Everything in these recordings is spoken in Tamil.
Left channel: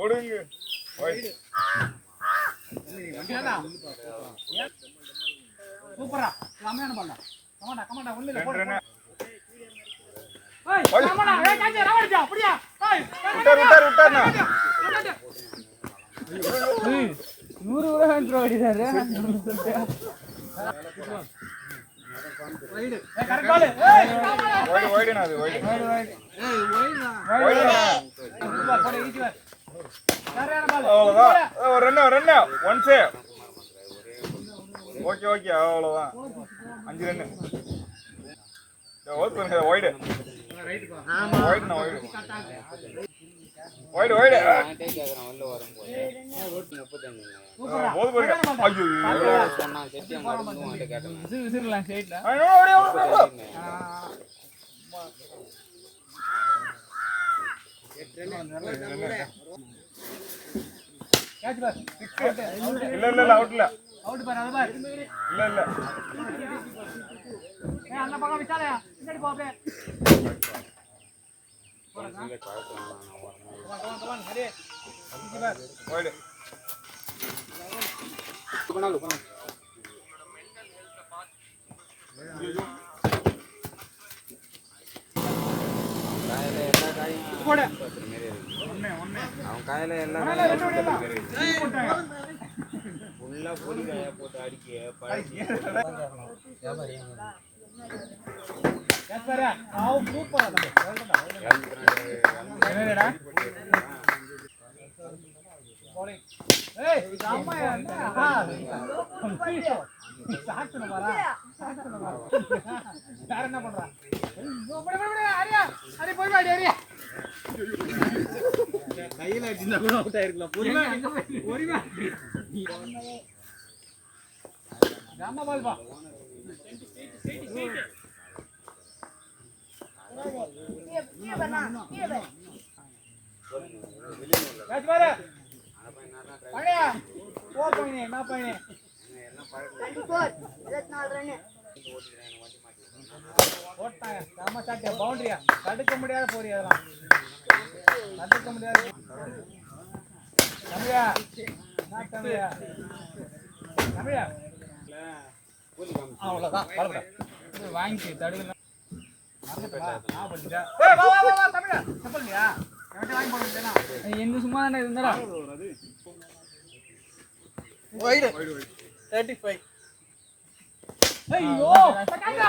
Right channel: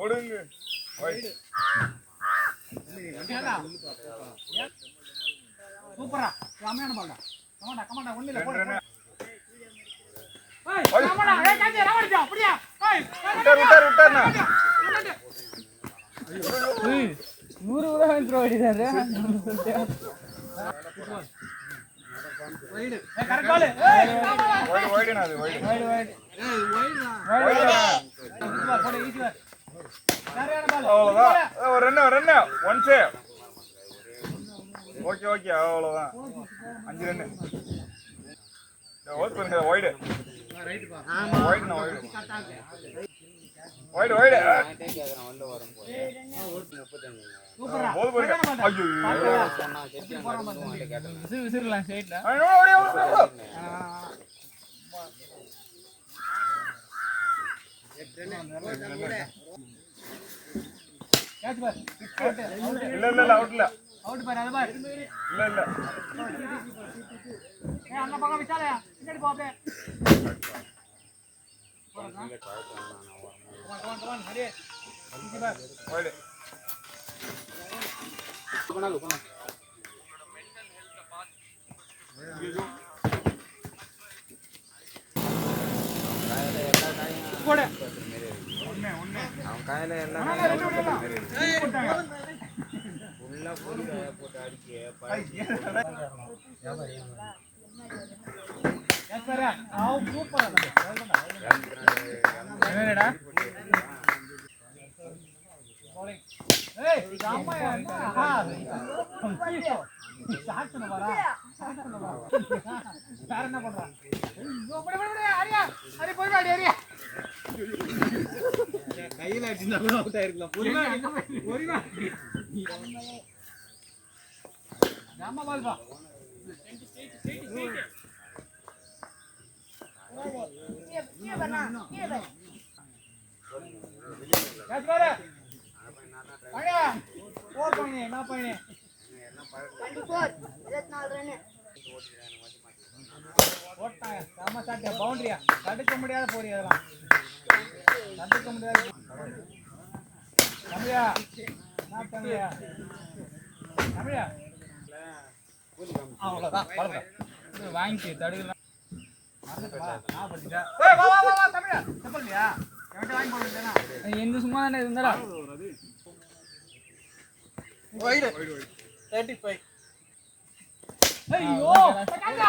ஓடுங்க சூப்பரா ராமையான பால்டா கமாண்டா ஒண்ணு இல்ல போடு ஏய் கமாண்டா ஏய் காஞ்சே ராவடிச்சா அப்படியே ஏய் விட்டாருண்ணா 100 ரூபாய் த்ரோ அடிச்சாரு வைட் ஏய் கரெக்ட் பால் ஏய் வைடுனா அது வைடு ஏய் வைட் போடு ஈஸி யாரையான பால் அவ்வளவுதான் ஒரு ரன் ஒன் சேவ் ஓகே அவ்வளவுதான் 5 ரன் ஓட் பண்ணுங்க வைடு ரைட் பா ஆமா வைடு கட்டாங்க வைடு டேக் ஆகறேன் வல்ல வரும் 35 சூப்பரா ஐயோ சொன்னா செட்டி போறான் பாத்து விசிறலாம் சைடுல ஓடி கேட்ச் பார் இல்ல அவுட் பார் அது பார் இல்ல ஏய் அந்த பக்கம் விட்டாலயா பின்னாடி போ அப்படியே போறதா கமான் ஹரி இது பார் ஓடு பண்ணாங்க ஐயோ போடு ஒண்ணே அவன் காயில எல்லாம் உள்ள போட்டு அடிக்கே யாஸ்பரா ஆவ் சூப்பரா என்னடா bowling ஏய் ராமையா ஆ சாட்சன வரா யார் என்ன பண்றா பட அரி போய் வாடி அரி கையில அடிச்சா கூட அவுட் ஆயிருக்கலாம் பொறுமை ராமா பால் பா कैच मार पाण्या 4 पॉइंट है ना पॉइंट 24 24 रन ஓட்டா காம சாட்டே பவுண்டரியா தடுக்க முடியாத போறீ அதெல்லாம் தடுக்க முடியாது தமிழா நான் தமிழா அவ்வளவுதான் பரவாயில்லை வாங்கி தடுக்கலாம் நான் படிச்சேன் ஏய் வா தமிழா செப்பல்லையா எவன்ட்ட வாங்கி போட வேண்டியனா எங்க சும்மா தானே இருந்தாடா வைட் 35 ஐயோ பட்டாடா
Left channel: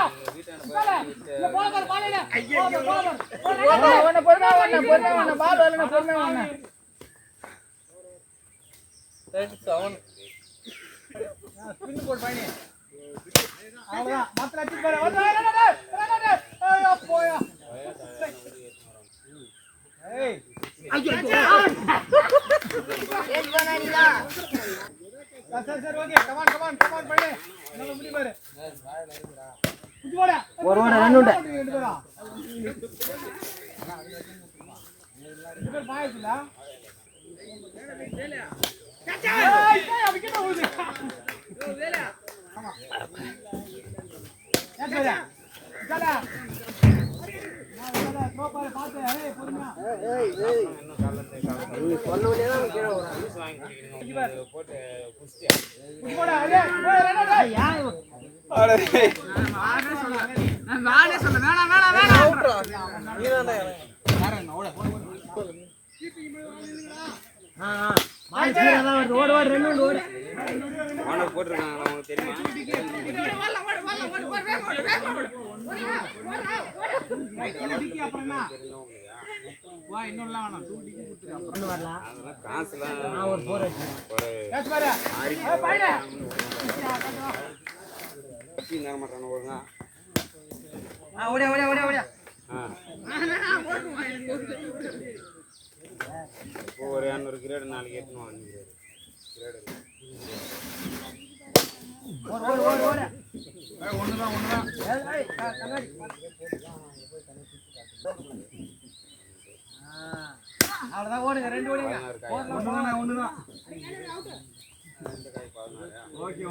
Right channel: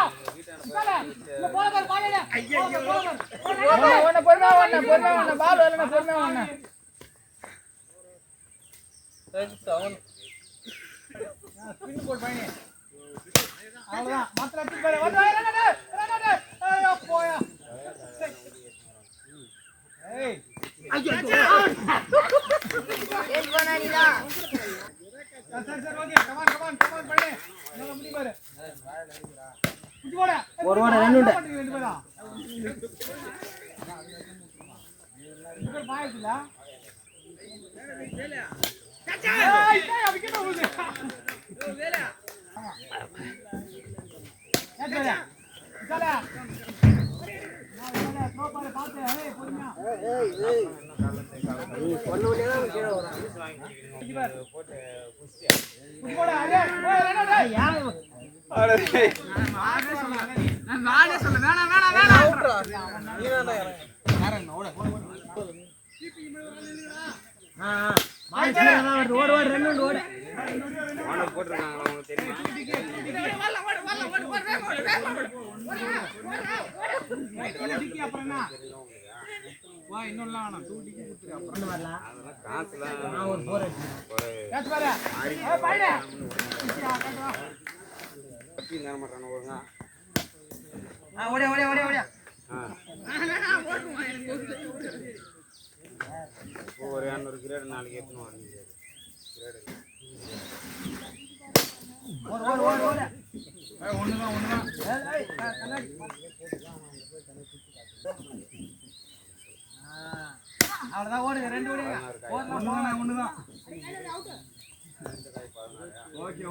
சல இந்த போல பாலைல ஐயோ போன பொறுமை பால் வரணும் பொறுமை வரணும் 37 ஸ்பின் போட் பாயினே அவ்வளவுதான் மாத்திர அடிச்சு பாரு வந்து ஐயோ போயா ஏய் ஐயோ एक बनानीला सर ओके कमान பண்ணு நம்ம முடி பாரு குட்டி போடா ஒரு ஓட ரன் உண்டு ரெண்டு பேரா ரெண்டு பேர் பாயதுல வேலையா சச்சா ஏய் அதுக்கு போகுது வேலையா ஆமா ஏய் சல நான் த்ரோ பாரு பாத்து ஏய் பொறுமையா ஏய் நீ சொன்னவனே தான் கீழ வரும் குட்டி பாரு போட்டு குட்டி போடா அரே ஓய் யார் அரே நான் வாடே சொல்ல வேணாம் நீதானே யாரங்க ஓட கீப்பிங் மேல வால் இல்லடா பால் சீரா ஓடு ரன் ஓடு வால போடுறாங்க அவங்களுக்கு தெரியும் ஓடு டிக்கி அப்புறம் என்ன வா இன்னொல்லாம் வேணாம் 2 டிக்கி கொடுத்துரு அப்புறம் வரலாம் காசுல நான் ஒரு 4 அடிச்சேன் கேட்ச் பாரு ஏய் பாய்டா காட்டுவா கட்டி நேர மாட்டானே போறா ஓடியா நான் போடுறேன் எனக்கு ஒரு 200 கிரேட் நாளைக்கு ஏத்துமா கிரேட் ஓடு ஒண்ணுதான் ஏய் கண்ணாடி அவ்வளவுதான் ஓடுங்க ரெண்டு ஓடுங்க போடலாம் ஒண்ணுதான் ஓகே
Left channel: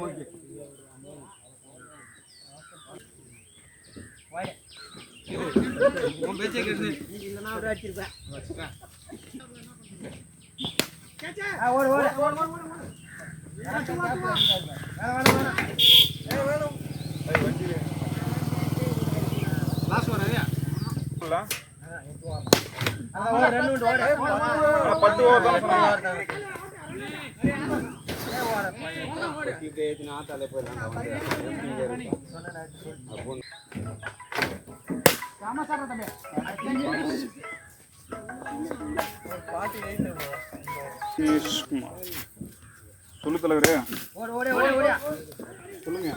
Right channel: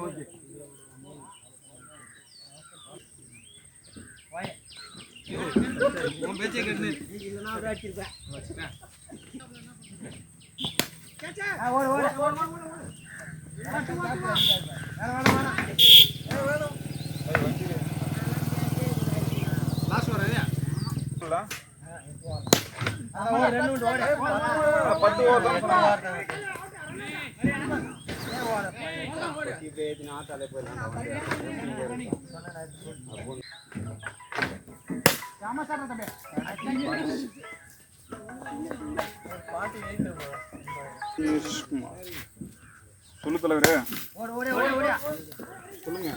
வாயே உன் பேச்சை கேட்டு இல்லனா ஒரு அடிச்சிருப்பேன் வச்சிட்டேன் ஓடு ஓடு லாஸ்ட் வர இல்ல ரெண்டு ஓடு 10 ஓவர் தான் சொல்லு தலைவரே சொல்லுங்க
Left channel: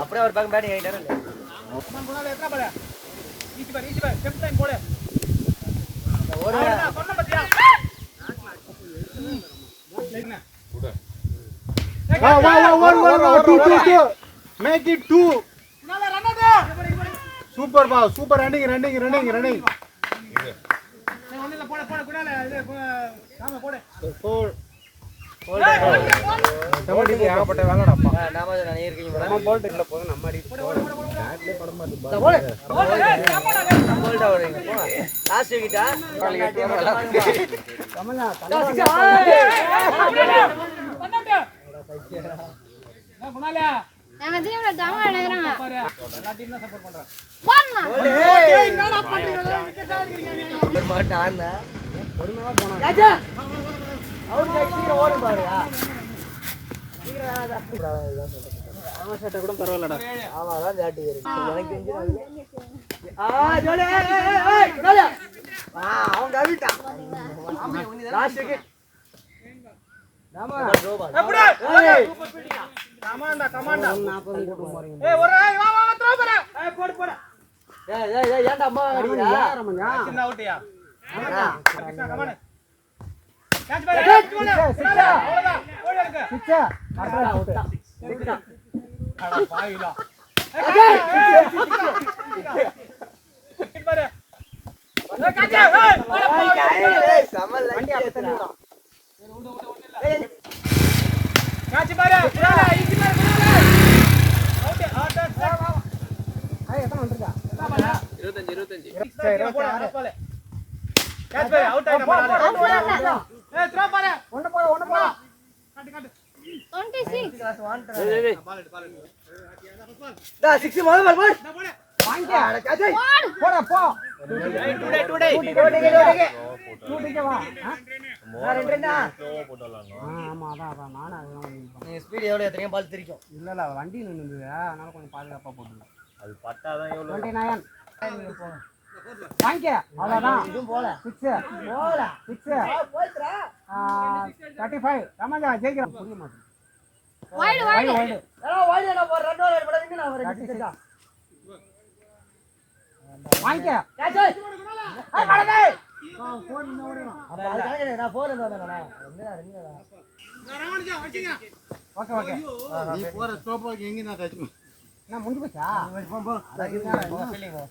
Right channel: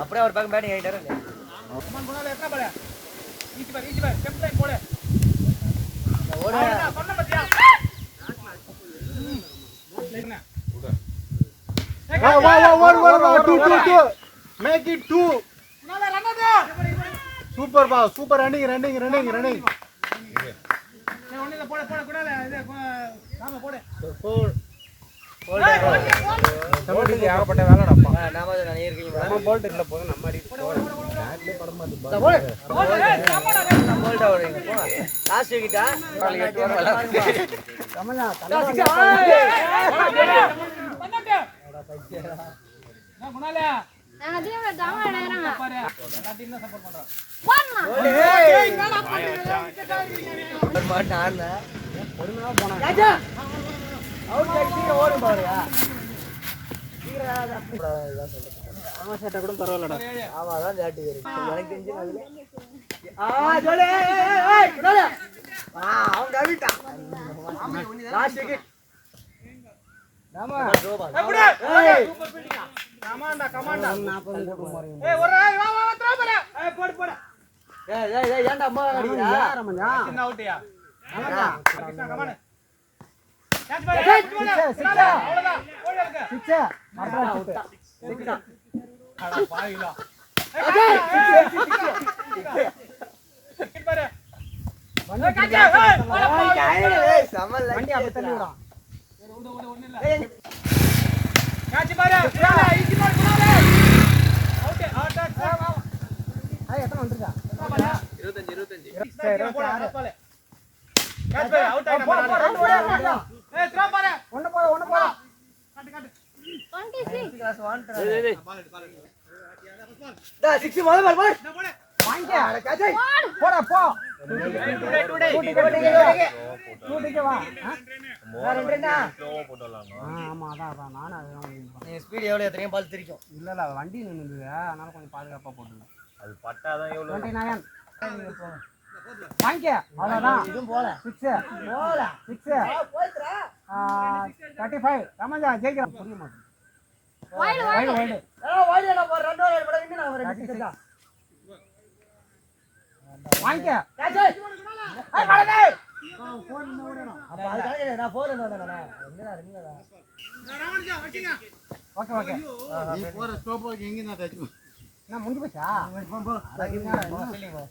அப்படியே ஒரு பக்கம் பேட்டிங் ஆகிட்டாரு Make it 2. Super ball, super running. 4. ஏகப்பட்ட வேலைடாப்பா நாம நான் இருக்கீங்க நம்ம போல்ட் இல்ல போதும் நம்ம அடி பேட்லயே பட மாட்டேங்குது போல்ட் வரீங்க போ லாஸ்ட் கிட்ட கமலா நாங்க டீம்ல தவளை எடுக்கறாங்க பாரு எல்லா டீம்ல சப்போர்ட் பண்றோம் போறா ஏய் என்னடா பண்றீங்க மாட்டானே பொறுமையா போனா ராஜா அவுட் சீக்கிரம் ஓடு பாருயா சீக்கிரம் இதான் சொல்றேன் ஆமா சட்ட கூட பரவாயில்லடா ஆமா அதான் ஜாட்டி இருக்கு எனக்கு இன்ஜின் அதுல ஜோலே ஏய் குடால அவன் கவிட்டான் ஆமா லாஸ்ட் விக்கெட் நாமா எப்படி சூப்பர் பீட்டிங்கா கமாண்டா ஏய் ஒரு வா த்ரோ போடு ஏய் போடு ஏய் ஏன்டா அம்மா அடியா ரமணா சின்ன அவுட்யா கமாண்டா கேட்ச் பாரு சிக்ஸா அவ்வளவுதான் ஓடி எடுங்க சிக்ஸா அப்புறம் அவுட்டா எடுடா அட பாயிலா சிக்ஸ் பாரு ஏய் சமல் வண்டி அப்ப தள்ளிடா ஒண்ணு இல்ல கேட்ச் பாரு ஈஸி பாரு அவுட் எத்தனை வந்துருக்கா 25 சரி 26 பால் கேட்ச் பாரு அவுட் ஆயிட்டா ஏய் த்ரோ பாரு ஒண்ணு போ காட்டு 26 கிளாஸ் 1 பால் எடு டா 60 பால் போடு வாங்க அட கேட்ச் போடா போ டூடிக்கு வா ரெண்டா ஆமா அதான் நானே அதுதான் நீ ஸ்பீட் எவ்வளவு எத்தனை பால் திரிக்கும் இல்ல வண்டி நின்னுது அதனால கொஞ்சம் பாதுகாப்பா போட்டுங்க அது பட்டாதான் எவ்வளவு 29 வாங்க அவ்வளவுதான் இதுவும் போல 6 போல 6 போய்டா 35 ரமஜா ஜெயிக்கலாம் புரிய மாட்டேன் வைடு வைடு நான் ஒரு ரெண்டு ஓவர் போட வின்னு நான் ஒரு 36 வாங்க கேட்ச் ஏய் மடதே போன் இன்ன ஓடுறா அப்ப அதுக்காக நான் போன் வந்தேனா என்னடா ரமஜா வச்சிங்க ஓகே நீ போற ஸ்டோப் எங்க நான் டச் நான் முடிஞ்சு போச்சா போ